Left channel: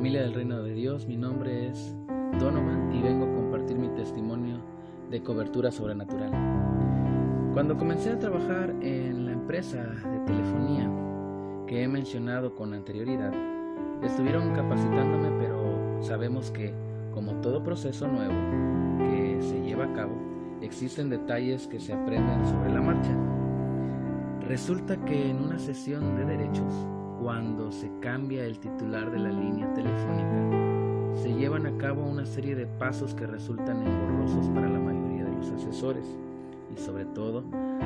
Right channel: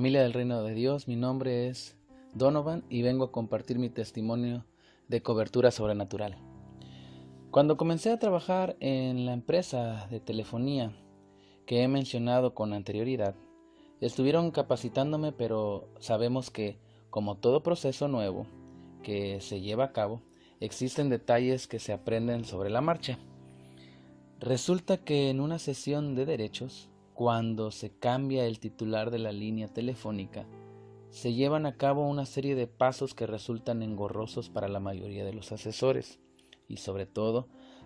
familia del Reino de Dios, mi nombre es Donovan y vengo a compartir mi testimonio de cobertura sobrenatural. Cuando comencé a trabajar en la empresa de telefonía que he mencionado con anterioridad, estuvieron capacitándome, pero sabemos que, como todo proceso nuevo que se lleva a cabo, existen detalles que se aprenden sobre la marcha. Resulta que en una sesión de derechos, cuando se cambia el titular de la línea telefónica, se llevan a cabo una serie de pasos que resultan engorrosos para la mayoría de los asesores y sobre todo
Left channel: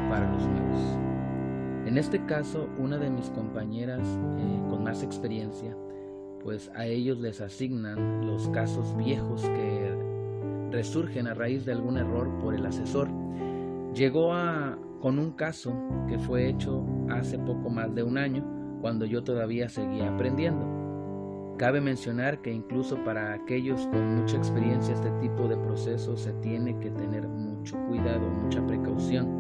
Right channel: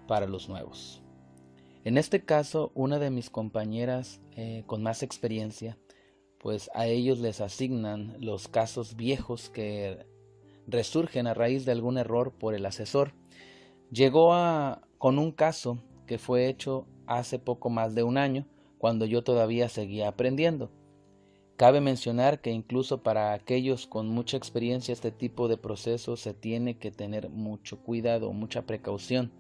para los nuevos. En este caso, una de mis compañeras con más experiencia, pues a ellos les asignan los casos viejos que resurgen a raíz de algún error por el asesor. Llegó con un caso que fue hecho hace poco más de un año, cuando yo todavía seguía aprendiendo. Cabe mencionar que incluso para aquellos con mucha experiencia este tipo de procesos se tiene que tener mucho cuidado, mucha precaución.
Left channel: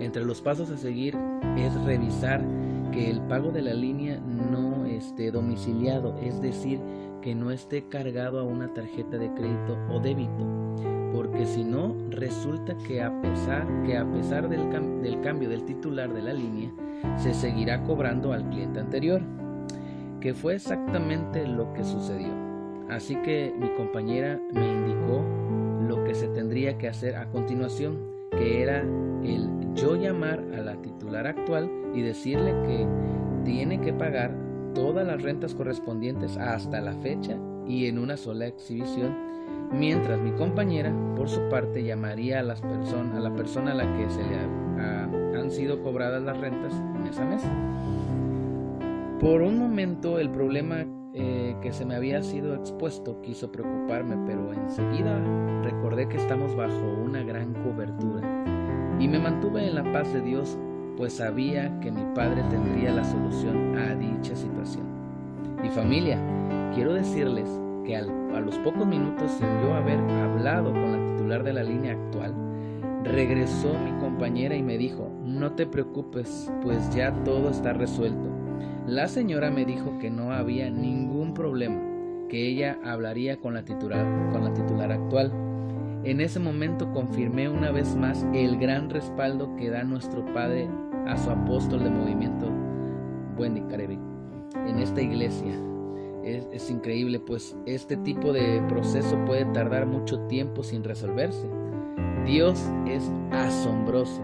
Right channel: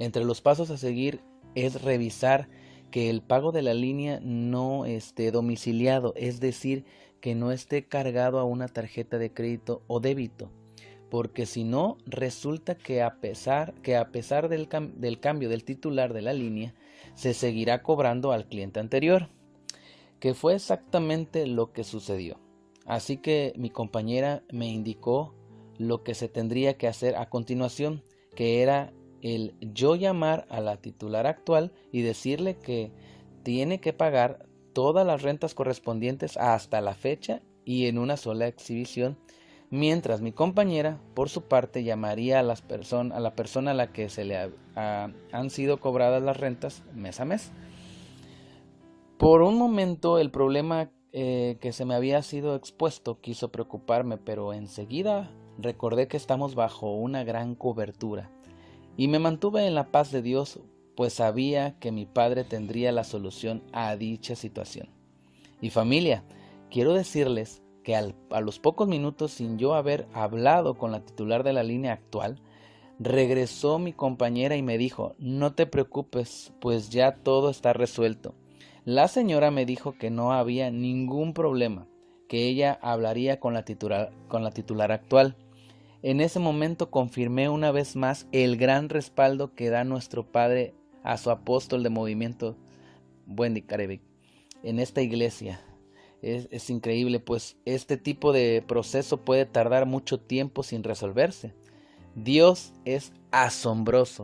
Entre los pasos a seguir es revisar que el pago de la línea no esté domiciliado, es decir, que no esté cargado a una tarjeta de crédito o débito, porque si no, resulta que a pesar del cambio del titular de la línea, se seguirá cobrando al cliente anterior, que fue exactamente lo que sucedió. Así que mi compañera me indicó lo que se tendría que hacer a continuación, que era el yo llamar a la titular actual y decirle que tiene que pagar todas las rentas correspondientes hasta la fecha y en una sola exhibición, mientras mi compañera, por su parte, llamaría a la persona a la que se le han sido cobradas las rentas mes a mes. Por un momento el problema que se me había sido expuesto quiso preocuparme, pero enseguida recordé que estamos bajo una gran cobertura y me mantuve en la paz de Dios, pues sabía que mi Padre tendría la solución a dicha situación. Y familia, quiero decirles que a los pocos minutos, sin yo haber hablado con la titular de la línea actual, regresó mi compañera y me dijo: no te preocupes, pues ya todo está resuelto. La señora me dijo que no había ningún problema, que ella hablaría con la titular actual. En ese momento confirmé una vez más el gran respaldo que da nuestro Padre a su apóstol de movimiento, Wendy Carevic, en esta iglesia. Es increíble, pues este tipo de proceso puede tardar mucho tiempo sin resolverse. Dios es asombroso.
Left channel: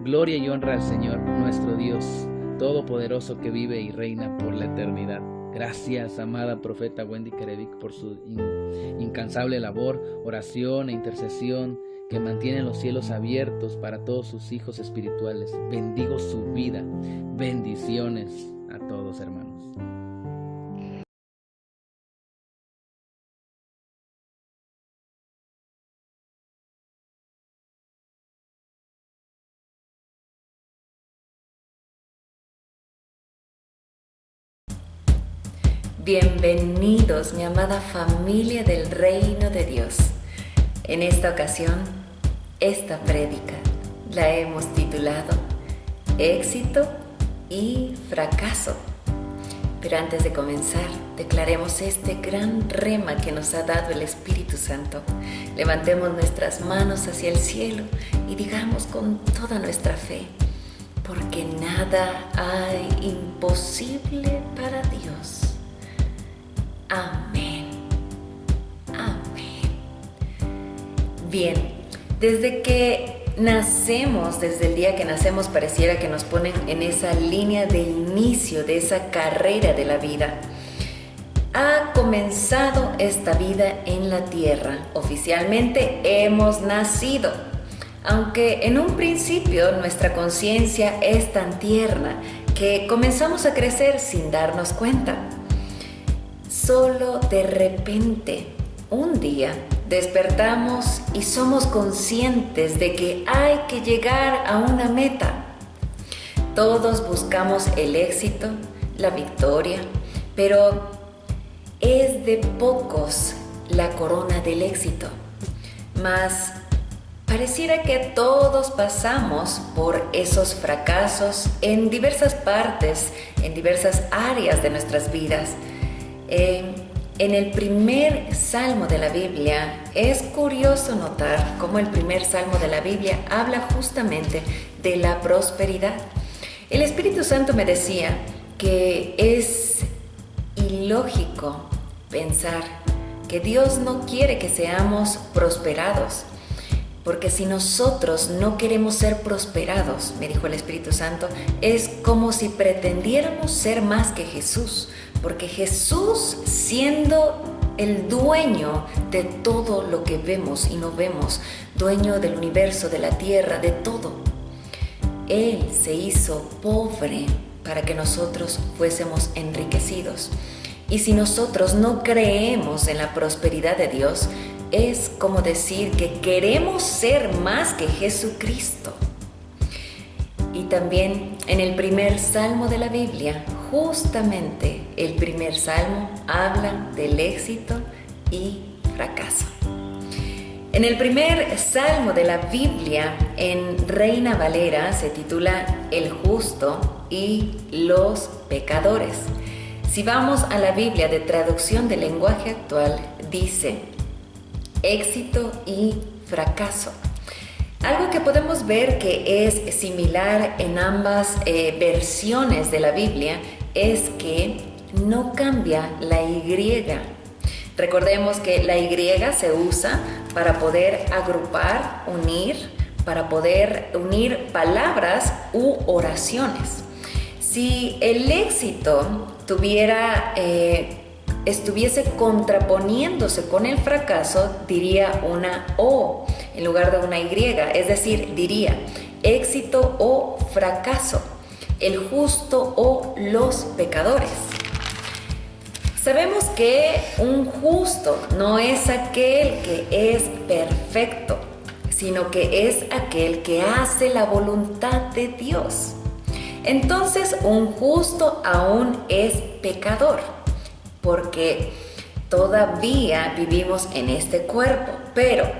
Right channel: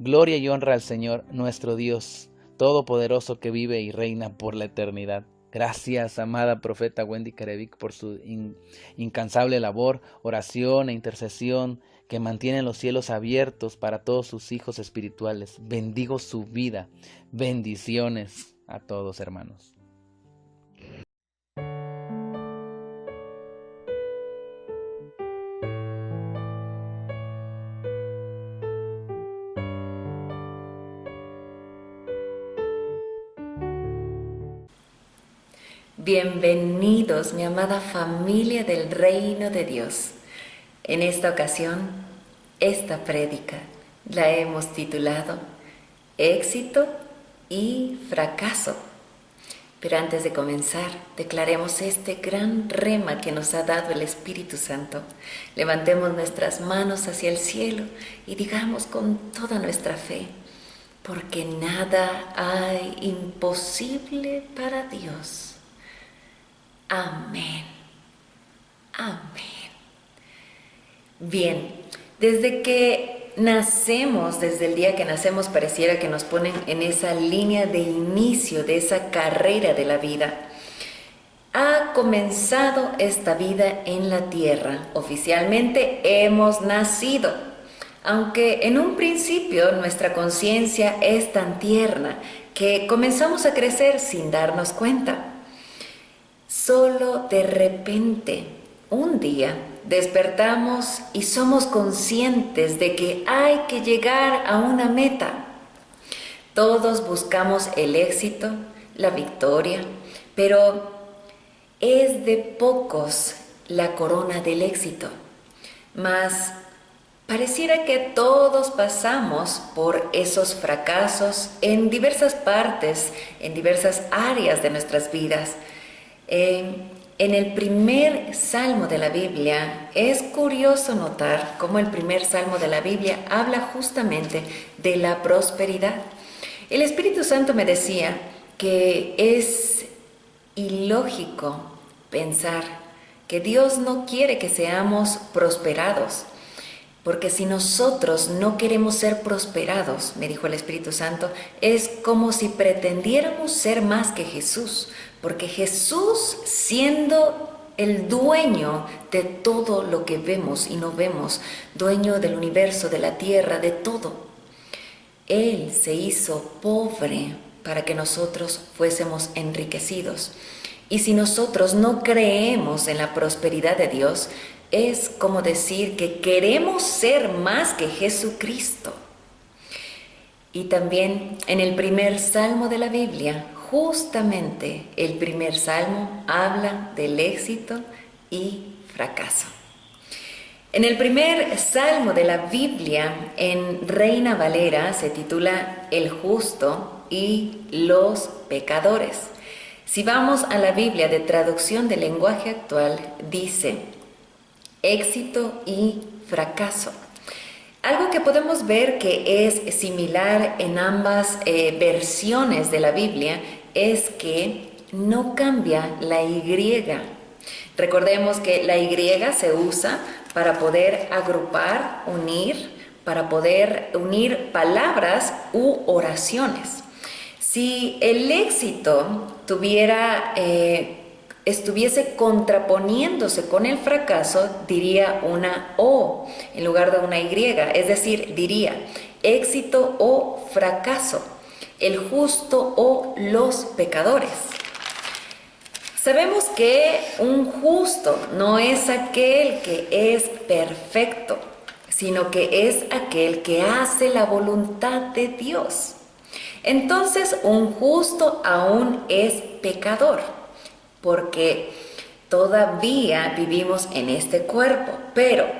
Gloria y honra al Señor, nuestro Dios todopoderoso, que vive y reina por la eternidad. Gracias, amada profeta Wendy Carevic, por su incansable labor, oración e intercesión que mantiene los cielos abiertos para todos sus hijos espirituales. Bendigo su vida. Bendiciones a todos, hermanos. Bienvenidos, mi amada familia del Reino de Dios. En esta ocasión, esta prédica la hemos titulado Éxito y Fracaso. Pero antes de comenzar, declaremos este gran rema que nos ha dado el Espíritu Santo. Levantemos nuestras manos hacia el cielo y digamos con toda nuestra fe: porque nada hay imposible para Dios. Amén. Amén. Bien, desde el día que nacemos, pareciera que nos ponen en esa línea de inicio de esa carrera de la vida. Ha comenzado esta vida en la tierra. Oficialmente hemos nacido. Aunque en un principio nuestra conciencia es tan tierna que comenzamos a crecer sin darnos cuenta. Solo de repente, un día, despertamos y somos conscientes de que hay que llegar a una meta. Todos buscamos el éxito, la victoria, pero es de pocos la corona del éxito. Mas pareciera que todos pasamos por esos fracasos en diversas partes, en diversas áreas de nuestras vidas. En el primer salmo de la Biblia es curioso notar cómo el primer salmo de la Biblia habla justamente de la prosperidad. El Espíritu Santo me decía que es ilógico pensar que Dios no quiere que seamos prosperados, porque si nosotros no queremos ser prosperados, me dijo el Espíritu Santo, es como si pretendiéramos ser más que Jesús, porque Jesús, siendo el dueño de todo lo que vemos y no vemos, dueño del universo, de la tierra, de todo, Él se hizo pobre para que nosotros fuésemos enriquecidos. Y si nosotros no creemos en la prosperidad de Dios, es como decir que queremos ser más que Jesucristo. Y también en el primer salmo de la Biblia, justamente el primer salmo habla del éxito y fracaso. En el primer salmo de la Biblia, en Reina Valera, se titula El justo y los pecadores. Si vamos a la Biblia de traducción del lenguaje actual, dice éxito y fracaso. Algo que podemos ver que es similar en ambas versiones de la Biblia es que no cambia la Y. Recordemos que la Y se usa para poder agrupar, unir, para poder unir palabras u oraciones. Si el éxito estuviese contraponiéndose con el fracaso, diría una O en lugar de una Y, es decir, diría éxito o fracaso, el justo o los pecadores. Sabemos que un justo no es aquel que es perfecto, sino que es aquel que hace la voluntad de Dios. Entonces, un justo aún es pecador, porque todavía vivimos en este cuerpo, pero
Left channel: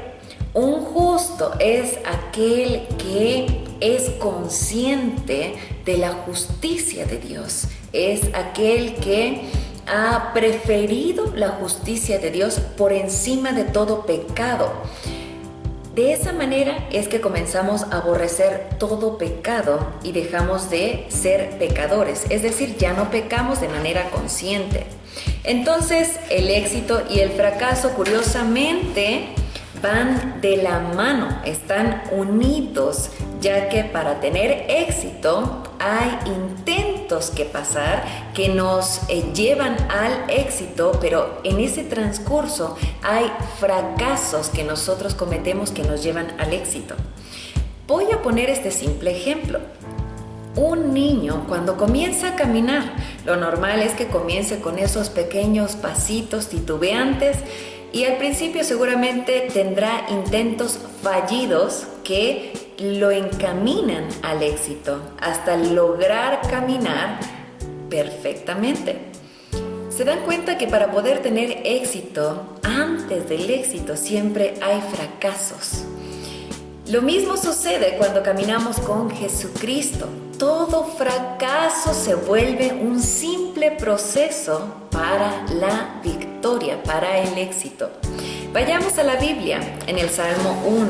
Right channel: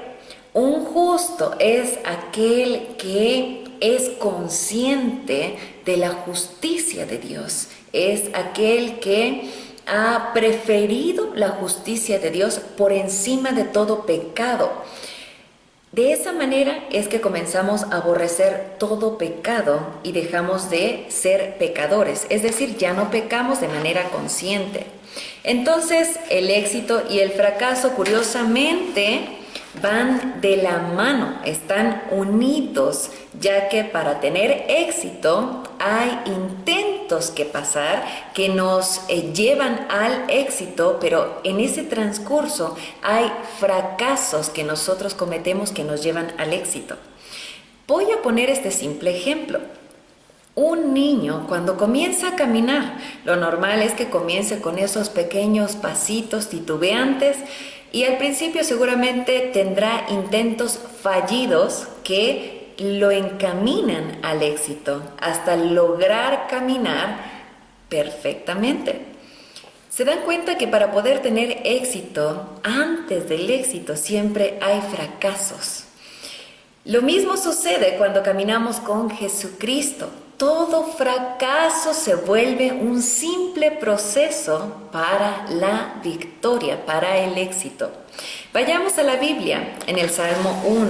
un justo es aquel que es consciente de la justicia de Dios, es aquel que ha preferido la justicia de Dios por encima de todo pecado. De esa manera es que comenzamos a aborrecer todo pecado y dejamos de ser pecadores, es decir, ya no pecamos de manera consciente. Entonces, el éxito y el fracaso, curiosamente, van de la mano, están unidos, ya que para tener éxito hay intentos que pasar que nos llevan al éxito, pero en ese transcurso hay fracasos que nosotros cometemos que nos llevan al éxito. Voy a poner este simple ejemplo. Un niño cuando comienza a caminar, lo normal es que comience con esos pequeños pasitos titubeantes y al principio seguramente tendrá intentos fallidos que lo encaminan al éxito hasta lograr caminar perfectamente. ¿Se dan cuenta que para poder tener éxito, antes del éxito siempre hay fracasos? Lo mismo sucede cuando caminamos con Jesucristo. Todo fracaso se vuelve un simple proceso para la victoria, para el éxito. Vayamos a la Biblia en el Salmo 1,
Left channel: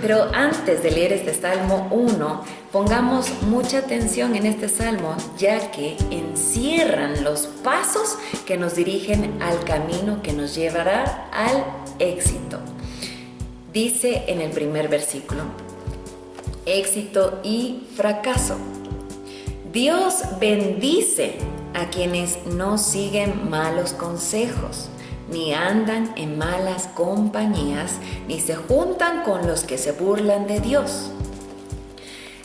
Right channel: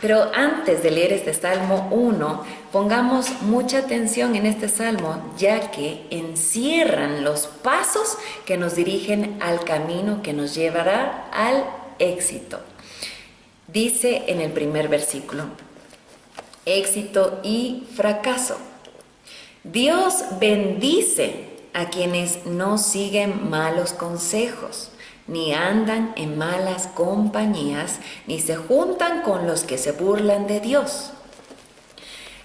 pero antes de leer este Salmo 1, pongamos mucha atención en este Salmo, ya que encierran los pasos que nos dirigen al camino que nos llevará al éxito. Dice en el primer versículo, éxito y fracaso. Dios bendice a quienes no siguen malos consejos, ni andan en malas compañías, ni se juntan con los que se burlan de Dios.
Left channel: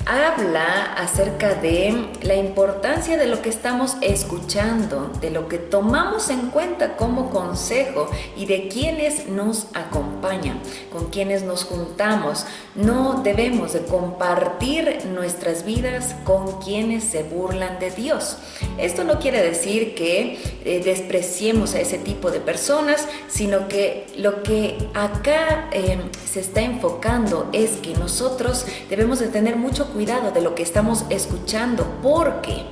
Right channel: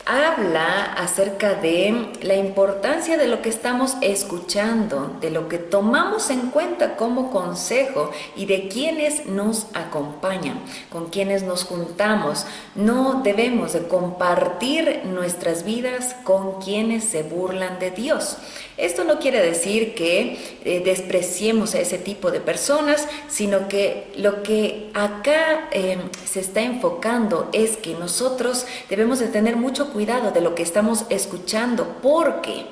Habla acerca de la importancia de lo que estamos escuchando, de lo que tomamos en cuenta como consejo y de quienes nos acompañan, con quienes nos juntamos. No debemos de compartir nuestras vidas con quienes se burlan de Dios. Esto no quiere decir que despreciemos a ese tipo de personas, sino que lo que acá se está enfocando es que nosotros debemos de tener mucho cuidado de lo que estamos escuchando, porque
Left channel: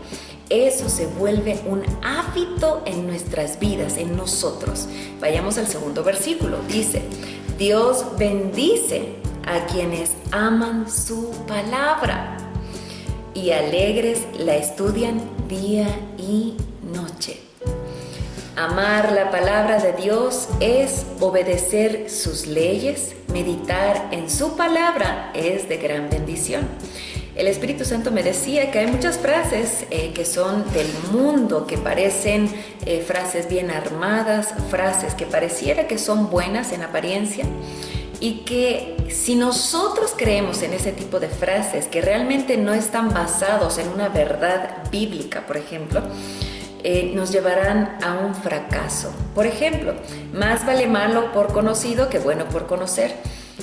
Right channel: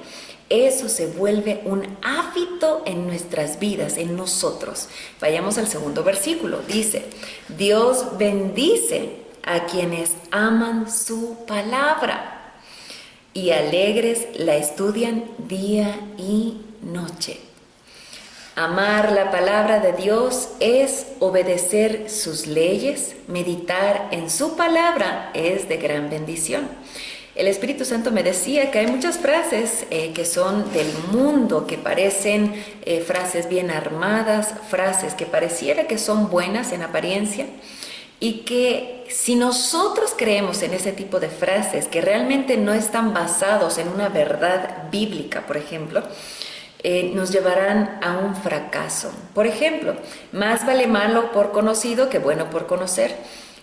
eso se vuelve un hábito en nuestras vidas, en nosotros. Vayamos al segundo versículo. Dice, Dios bendice a quienes aman su palabra y alegres la estudian día y noche. Amar la palabra de Dios es obedecer sus leyes, meditar en su palabra es de gran bendición. El Espíritu Santo me decía que hay muchas frases que son del mundo, que parecen frases bien armadas, frases que pareciera que son buenas en apariencia, y que si nosotros creemos en ese tipo de frases que realmente no están basados en una verdad bíblica, por ejemplo, nos llevarán a un fracaso. Por ejemplo, más vale malo por conocido que bueno por conocer.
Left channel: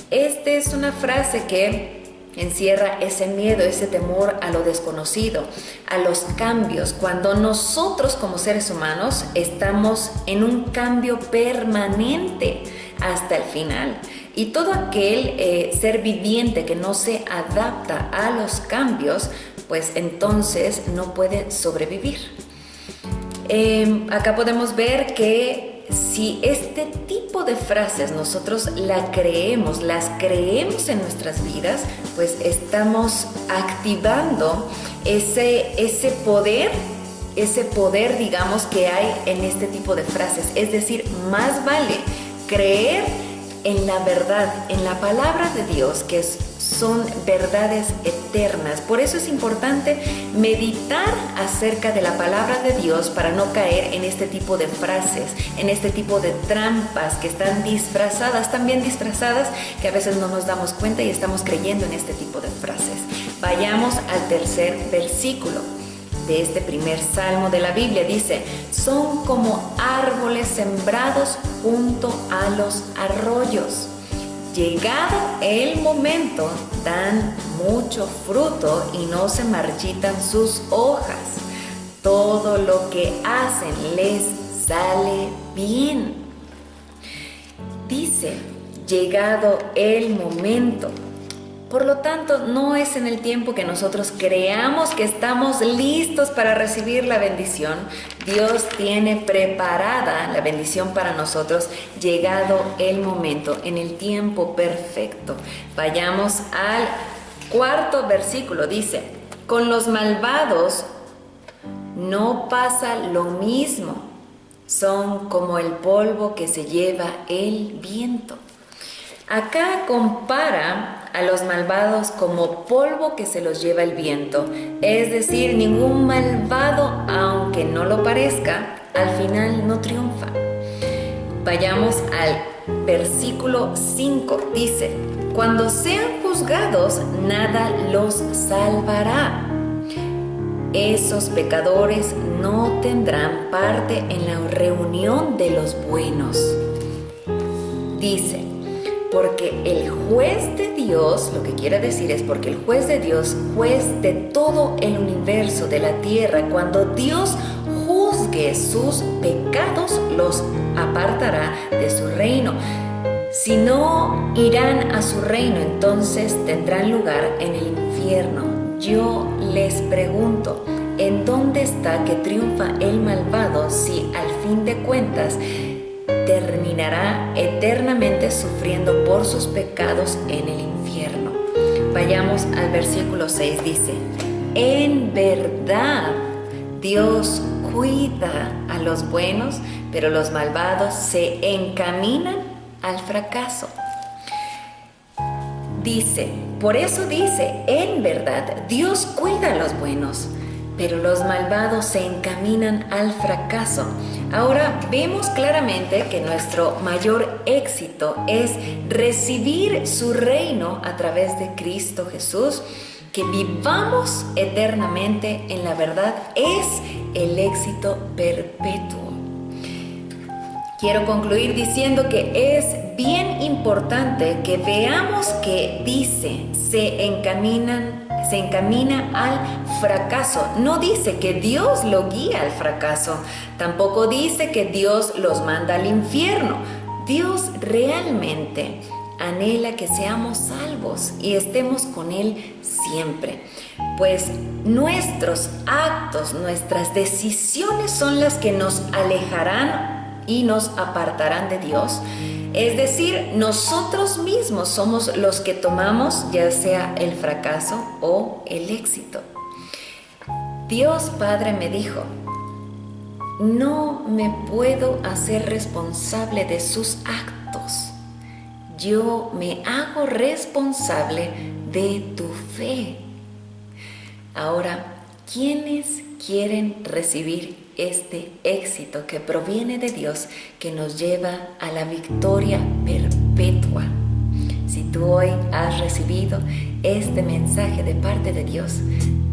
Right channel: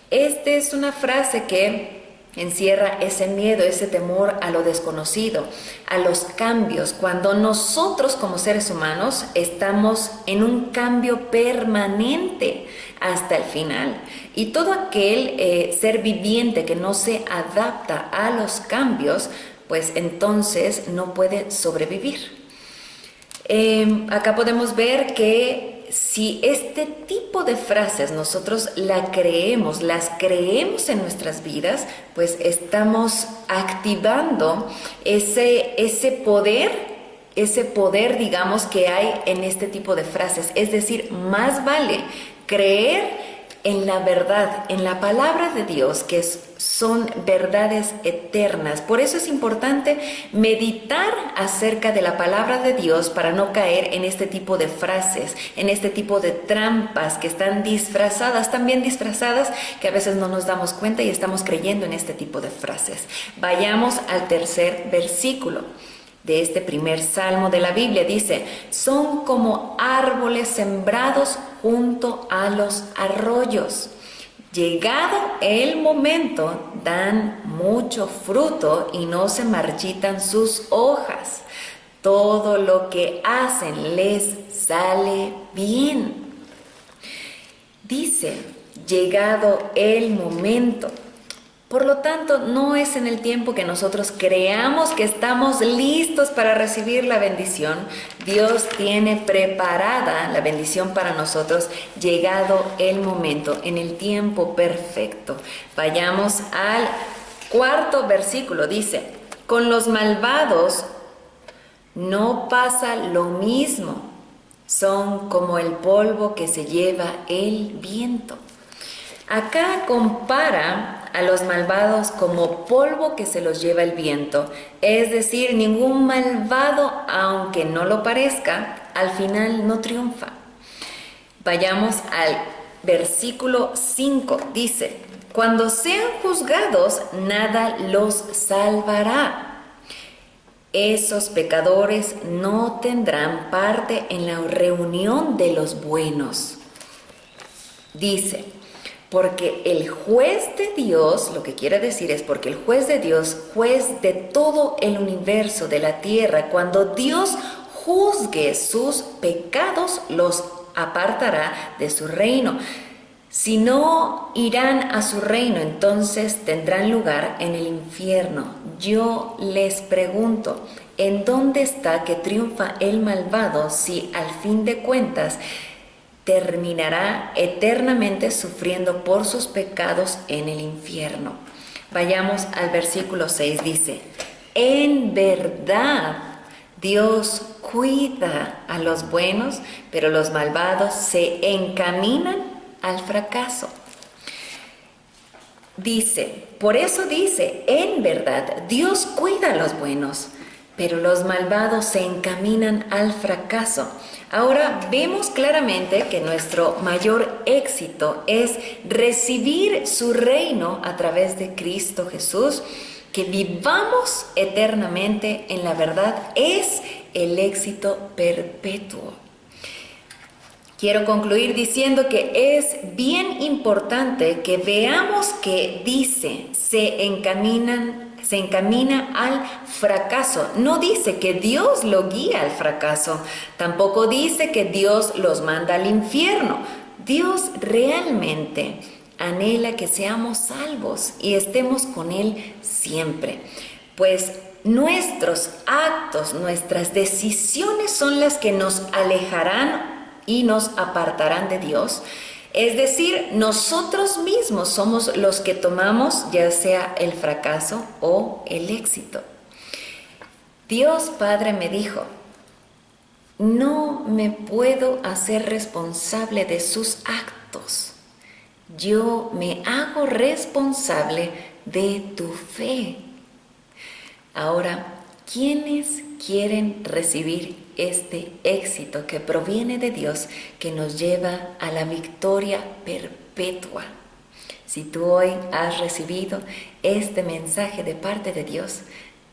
Esta es una frase que encierra ese miedo, ese temor a lo desconocido, a los cambios, cuando nosotros como seres humanos estamos en un cambio permanente hasta el final. Y todo aquel ser viviente que no se adapta a los cambios, pues entonces no puede sobrevivir. Acá podemos ver que si este tipo de frases nosotros las creemos en nuestras vidas, pues estamos activando ese poder, digamos, que hay en este tipo de frases. Es decir, más vale creer en la verdad, en la palabra de Dios, que son verdades eternas. Por eso es importante meditar acerca de la palabra de Dios para no caer en este tipo de frases, en este tipo de trampas que están disfrazadas, también disfrazadas, que a veces no nos damos cuenta y estamos creyendo en este tipo de frases. Vayamos al tercer versículo de este primer salmo de la Biblia. Dice, son como árboles sembrados junto a los arroyos. Llegado el momento, dan mucho fruto y no se marchitan sus hojas. Todo lo que hacen les sale bien. Dice, llegado el momento. Por lo tanto, no es en el tiempo que nosotros creamos que estamos listos para recibir la bendición. Dios tiene preparada la bendición para nosotros, llegado el momento, en el tiempo perfecto. Vayamos al cuarto versículo. Dice, con los malvados no pasa lo mismo. Son como el polvo que se lleva el viento. Acá compara a los malvados como polvo que se los lleva el viento. Es decir, ningún malvado, aunque no lo parezca, al final no triunfa. Vayamos al versículo 5. Dice, cuando sean juzgados, nada los salvará. Esos pecadores no tendrán parte en la reunión de los buenos. Dice, porque el juez de Dios, lo que quiere decir es porque el juez de Dios, juez de todo el universo, de la tierra, cuando Dios juzgue sus pecados, los apartará de su reino. Si no irán a su reino, entonces tendrán lugar en el infierno. Yo les pregunto, ¿en dónde está que triunfa el malvado si al fin de cuentas terminará eternamente sufriendo por sus pecados en el infierno? Vayamos al versículo 6, dice, en verdad Dios cuida a los buenos, pero los malvados se encaminan al fracaso. Dice, por eso dice, en verdad Dios cuida a los buenos, pero los malvados se encaminan al fracaso. Ahora vemos claramente que nuestro mayor éxito es recibir su reino a través de Cristo Jesús, que vivamos eternamente en la verdad es el éxito perpetuo. Quiero concluir diciendo que es bien importante que veamos que dice se encamina al fracaso. No dice que Dios lo guía al fracaso. Tampoco dice que Dios los manda al infierno. Dios realmente anhela que seamos salvos y estemos con Él siempre. Pues nuestros actos, nuestras decisiones son las que nos alejarán y nos apartarán de Dios. Es decir, nosotros mismos somos los que tomamos ya sea el fracaso o el éxito. Dios Padre me dijo: no me puedo hacer responsable de sus actos. Yo me hago responsable de tu fe. Ahora, ¿quiénes quieren recibir este éxito que proviene de Dios, que nos lleva a la victoria perpetua? Si tú hoy has recibido este mensaje de parte de Dios,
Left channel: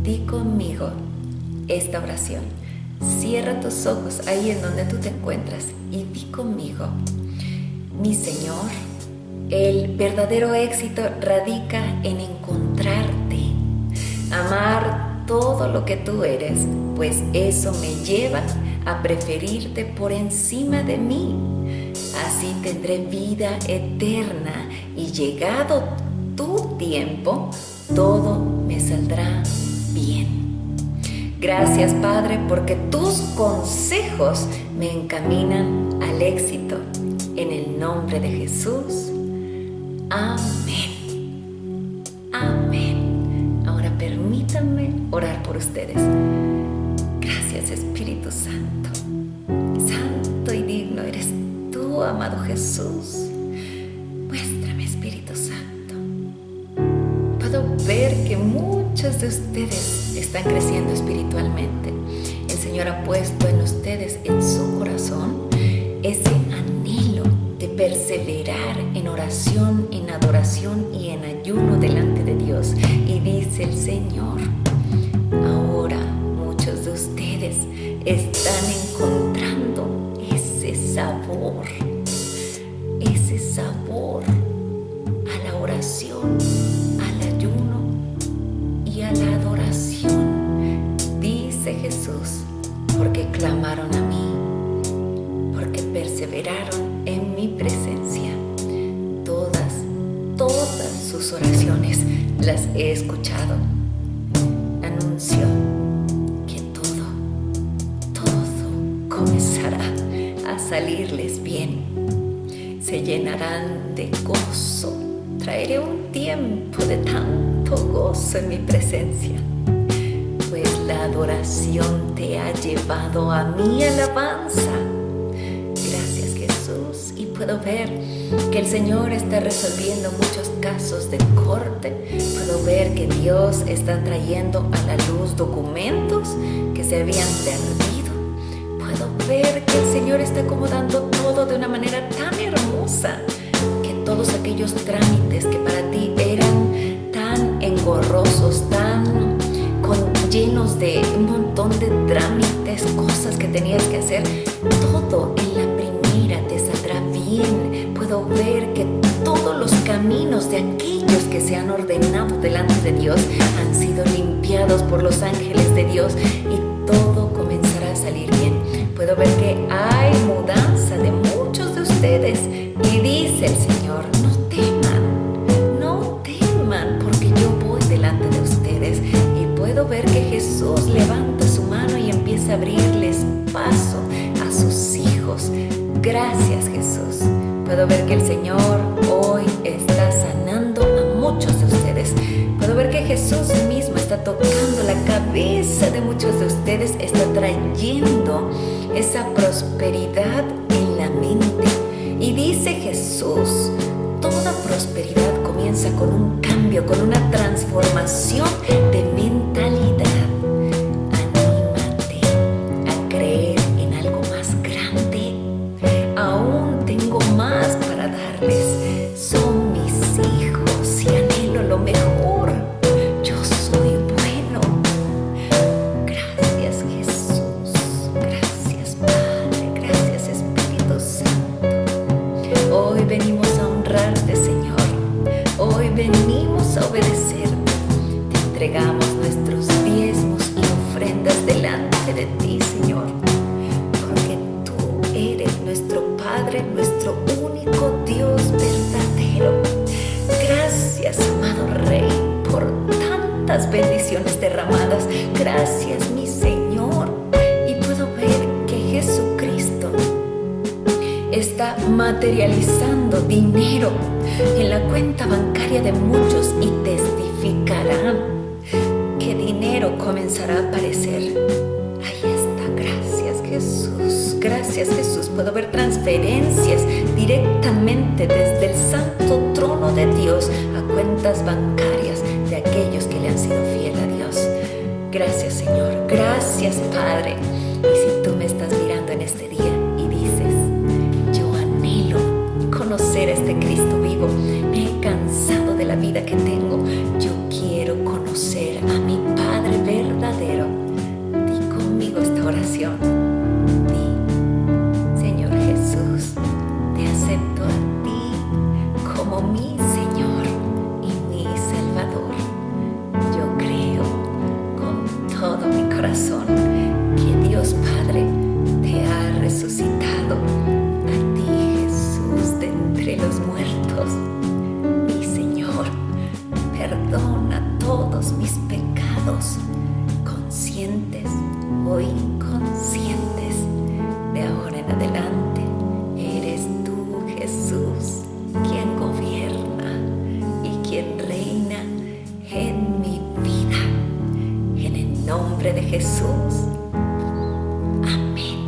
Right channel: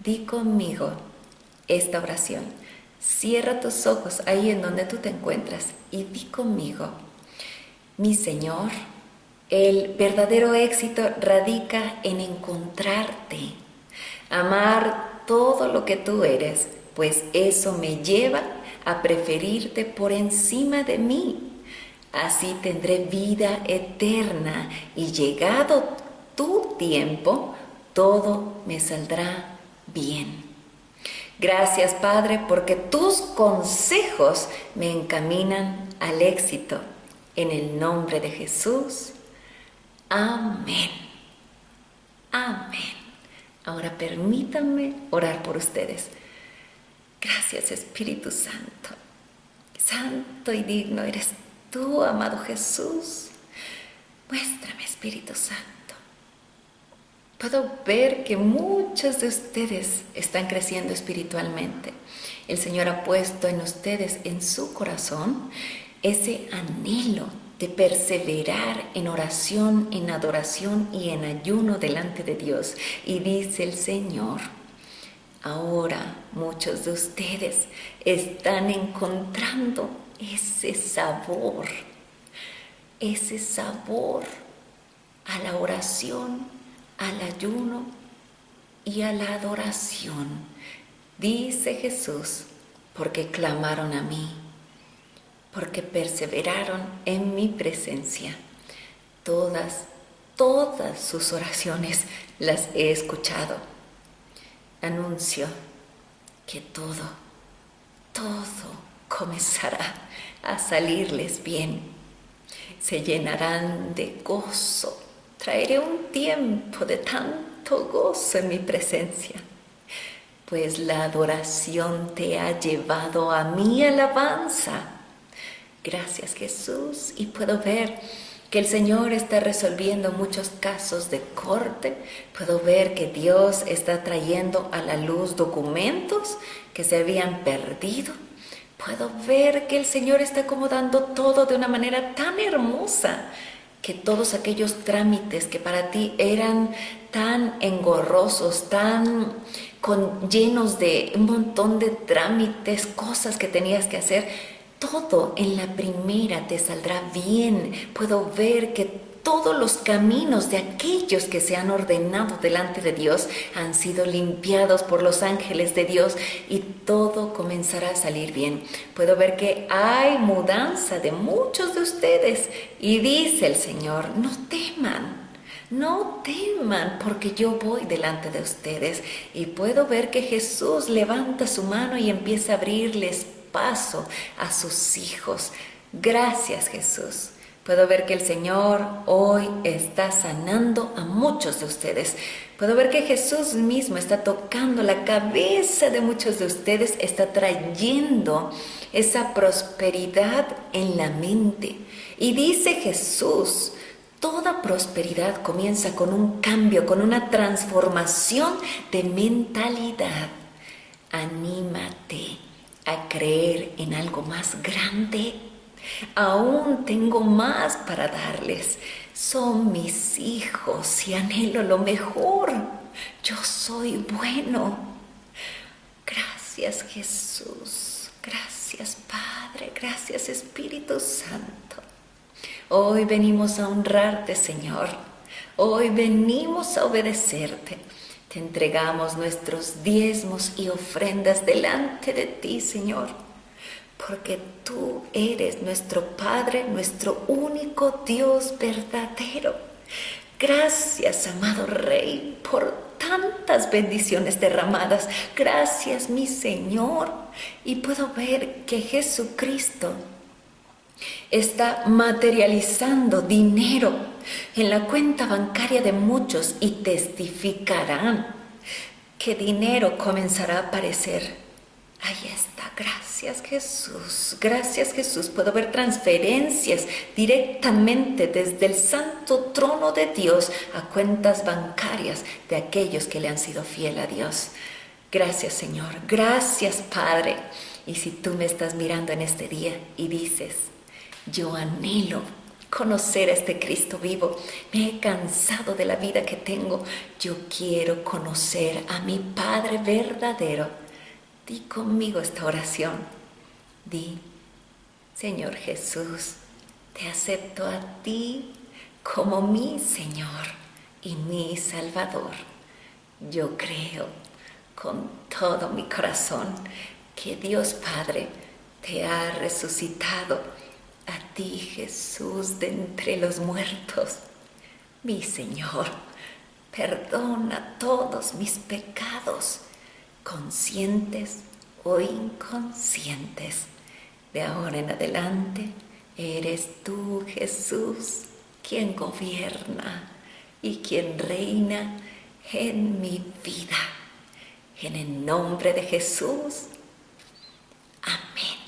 di conmigo esta oración. Cierra tus ojos ahí en donde tú te encuentras y di conmigo: mi Señor, el verdadero éxito radica en encontrarte, amar todo lo que tú eres, pues eso me lleva a preferirte por encima de mí. Así tendré vida eterna y llegado tu tiempo, todo me saldrá bien. Gracias, Padre, porque tus consejos me encaminan al éxito. En el nombre de Jesús. Amén. Amén. Ahora permítanme orar por ustedes. Gracias, Espíritu Santo. Santo y digno eres tú, amado Jesús. Muéstrame, Espíritu Santo. Puedo ver que muchos de ustedes están creciendo espiritualmente. El Señor ha puesto en ustedes, en su corazón, ese anhelo de perseverar en oración, en adoración y en ayuno delante de Dios. Y dice el Señor: ahora muchos de ustedes están encontrando ese sabor a la oración, al ayuno y a la adoración. Dice Jesús: porque clamaron a mí, porque perseveraron en mi presencia. Todas sus oraciones las he escuchado. Anuncio que todo comenzará a salirles bien. Se llenarán de gozo. Traeré un tiempo de tanto gozo en mi presencia, pues la adoración te ha llevado a mi alabanza. Gracias, Jesús. Y puedo ver que el Señor está resolviendo muchos casos de corte. Puedo ver que Dios está trayendo a la luz documentos que se habían perdido. Puedo ver que el Señor está acomodando todo de una manera tan hermosa, que todos aquellos trámites que para ti eran tan engorrosos, tan llenos de un montón de trámites, cosas que tenías que hacer, todo en la primera te saldrá bien. Puedo ver que todos los caminos de aquellos que se han ordenado delante de Dios han sido limpiados por los ángeles de Dios y todo comenzará a salir bien. Puedo ver que hay mudanza de muchos de ustedes y dice el Señor: no teman, porque yo voy delante de ustedes. Y puedo ver que Jesús levanta su mano y empieza a abrirles paso a sus hijos. Gracias, Jesús. Puedo ver que el Señor hoy está sanando a muchos de ustedes. Puedo ver que Jesús mismo está tocando la cabeza de muchos de ustedes, está trayendo esa prosperidad en la mente. Y dice Jesús: toda prosperidad comienza con un cambio, con una transformación de mentalidad. Anímate a creer en algo más grande. Aún tengo más para darles. Son mis hijos y anhelo lo mejor. Yo soy bueno. Gracias, Jesús. Gracias, Padre. Gracias, Espíritu Santo. Hoy venimos a honrarte, Señor. Hoy venimos a obedecerte. Te entregamos nuestros diezmos y ofrendas delante de ti, Señor, porque tú eres nuestro Padre, nuestro único Dios verdadero. Gracias, amado Rey, por tantas bendiciones derramadas. Gracias, mi Señor. Y puedo ver que Jesucristo está materializando dinero en la cuenta bancaria de muchos y testificarán que dinero comenzará a aparecer. Ahí está, gracias Jesús, gracias Jesús. Puedo ver transferencias directamente desde el santo trono de Dios a cuentas bancarias de aquellos que le han sido fiel a Dios. Gracias Señor, gracias Padre. Y si tú me estás mirando en este día y dices, yo anhelo conocer a este Cristo vivo, me he cansado de la vida que tengo, yo quiero conocer a mi Padre verdadero, di conmigo esta oración. Di, Señor Jesús, te acepto a ti como mi Señor y mi Salvador. Yo creo con todo mi corazón que Dios Padre te ha resucitado a ti, Jesús, de entre los muertos. Mi Señor, perdona todos mis pecados, conscientes o inconscientes. De ahora en adelante, eres tú, Jesús, quien gobierna y quien reina en mi vida. En el nombre de Jesús. Amén.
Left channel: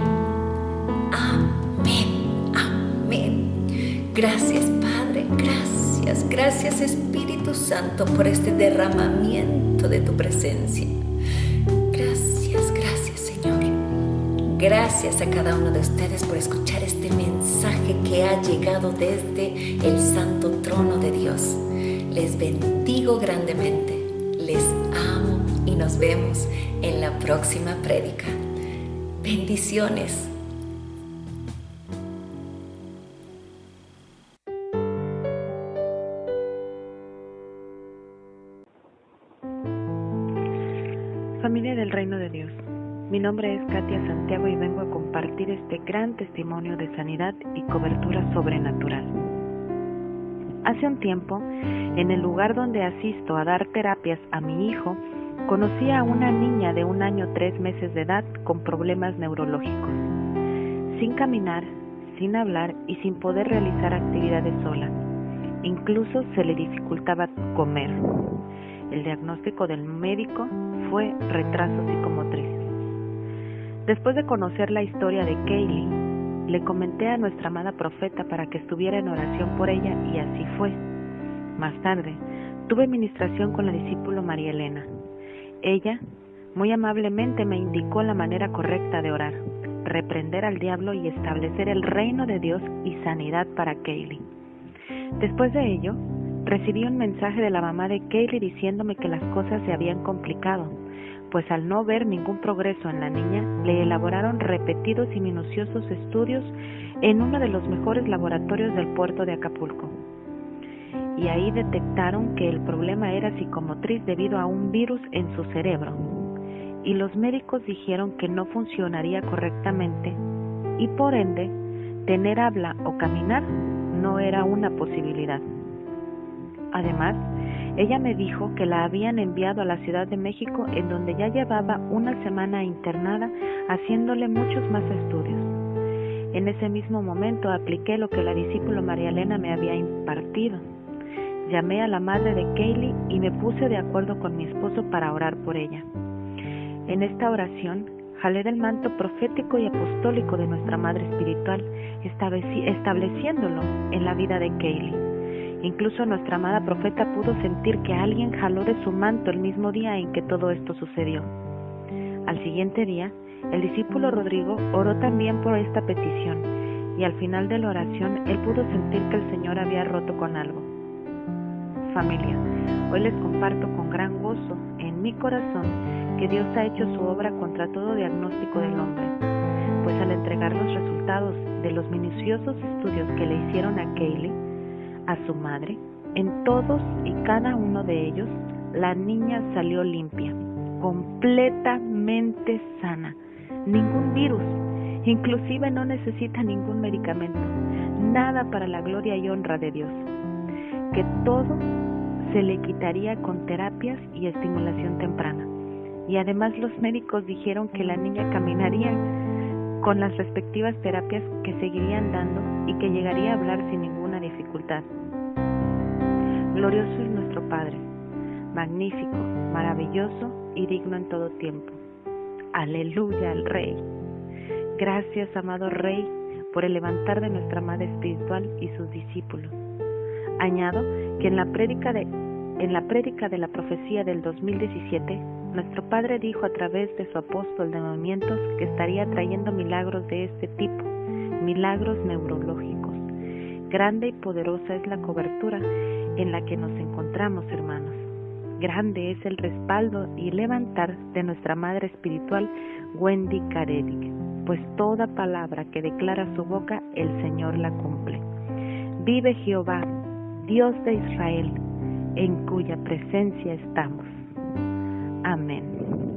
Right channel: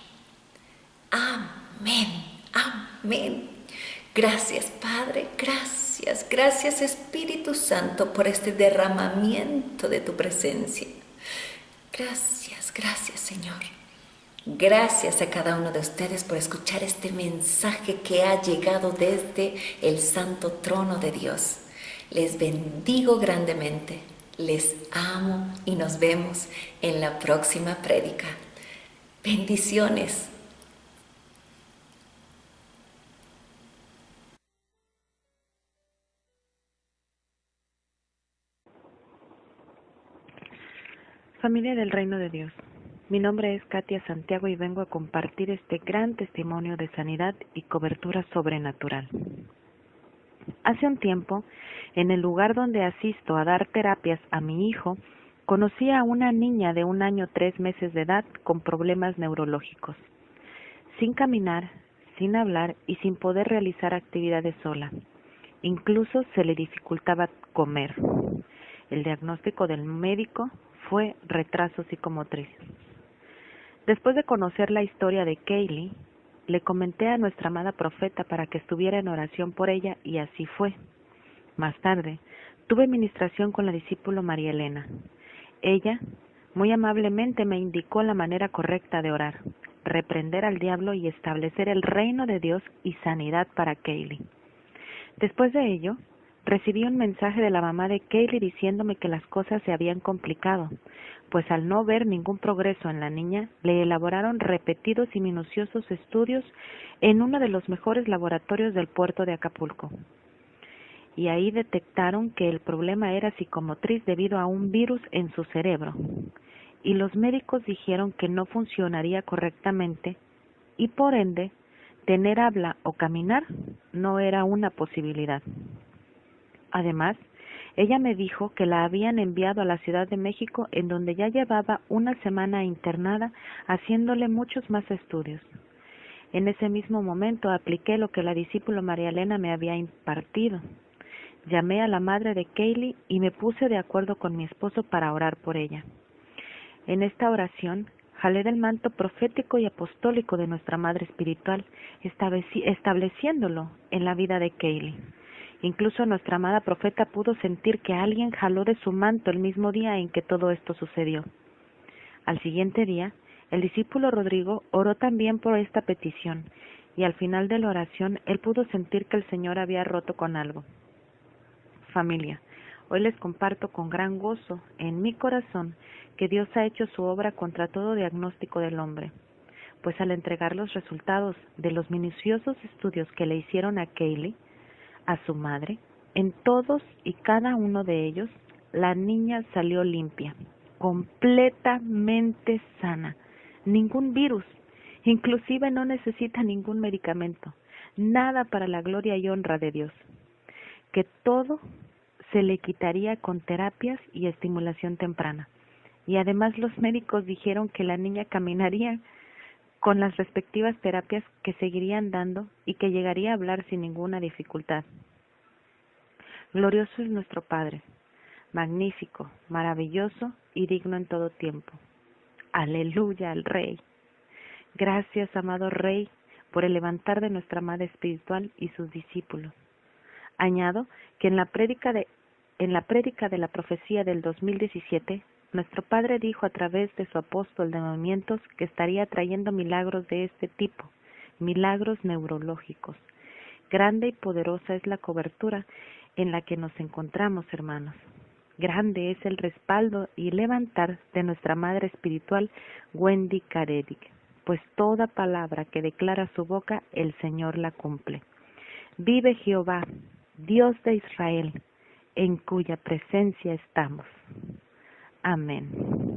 Amén. Amén. Gracias, Padre. Gracias. Gracias, Espíritu Santo, por este derramamiento de tu presencia. Gracias, gracias, Señor. Gracias a cada uno de ustedes por escuchar este mensaje que ha llegado desde el santo trono de Dios. Les bendigo grandemente. Les amo y nos vemos en la próxima prédica. Bendiciones. Familia del Reino de Dios, mi nombre es Katia Santiago y vengo a compartir este gran testimonio de sanidad y cobertura sobrenatural. Hace un tiempo, en el lugar donde asisto a dar terapias a mi hijo, conocí a una niña de 1 año 3 meses de edad con problemas neurológicos. Sin caminar, sin hablar y sin poder realizar actividades sola. Incluso se le dificultaba comer. El diagnóstico del médico fue retraso psicomotriz. Después de conocer la historia de Kaylee, le comenté a nuestra amada profeta para que estuviera en oración por ella y así fue. Más tarde, tuve ministración con la discípula María Elena. Ella, muy amablemente, me indicó la manera correcta de orar, reprender al diablo y establecer el reino de Dios y sanidad para Kaylee. Después de ello, recibí un mensaje de la mamá de Kaylee diciéndome que las cosas se habían complicado, pues al no ver ningún progreso en la niña, le elaboraron repetidos y minuciosos estudios en uno de los mejores laboratorios del puerto de Acapulco. Y ahí detectaron que el problema era psicomotriz debido a un virus en su cerebro. Y los médicos dijeron que no funcionaría correctamente y por ende, tener habla o caminar no era una posibilidad. Además, ella me dijo que la habían enviado a la Ciudad de México, en donde ya llevaba 1 semana internada haciéndole muchos más estudios. En ese mismo momento apliqué lo que la discípula María Elena me había impartido. Llamé a la madre de Kaylee y me puse de acuerdo con mi esposo para orar por ella. En esta oración, jalé del manto profético y apostólico de nuestra Madre Espiritual, estableciéndolo en la vida de Kaylee. Incluso nuestra amada profeta pudo sentir que alguien jaló de su manto el mismo día en que todo esto sucedió. Al siguiente día, el discípulo Rodrigo oró también por esta petición, y al final de la oración él pudo sentir que el Señor había roto con algo. Familia, hoy les comparto con gran gozo en mi corazón que Dios ha hecho su obra contra todo diagnóstico del hombre, pues al entregar los resultados de los minuciosos estudios que le hicieron a Kaylee, a su madre, en todos y cada uno de ellos, la niña salió limpia, completamente sana, ningún virus, Inclusive no necesita ningún medicamento, nada para la gloria y honra de Dios. Que todo se le quitaría con terapias y estimulación temprana. Y además los médicos dijeron que la niña caminaría con las respectivas terapias que seguirían dando y que llegaría a hablar sin ninguna dificultad. Glorioso es nuestro Padre, magnífico, maravilloso y digno en todo tiempo. Aleluya al Rey. Gracias, amado Rey, por el levantar de nuestra madre espiritual y sus discípulos. Añado que en la prédica de la profecía del 2017, nuestro Padre dijo a través de su apóstol de movimientos que estaría trayendo milagros de este tipo, milagros neurológicos. Grande y poderosa es la cobertura en la que nos encontramos, hermanos. Grande es el respaldo y levantar de nuestra madre espiritual, Wendy Caredic, pues toda palabra que declara su boca, el Señor la cumple. Vive Jehová, Dios de Israel, en cuya presencia estamos. Amén.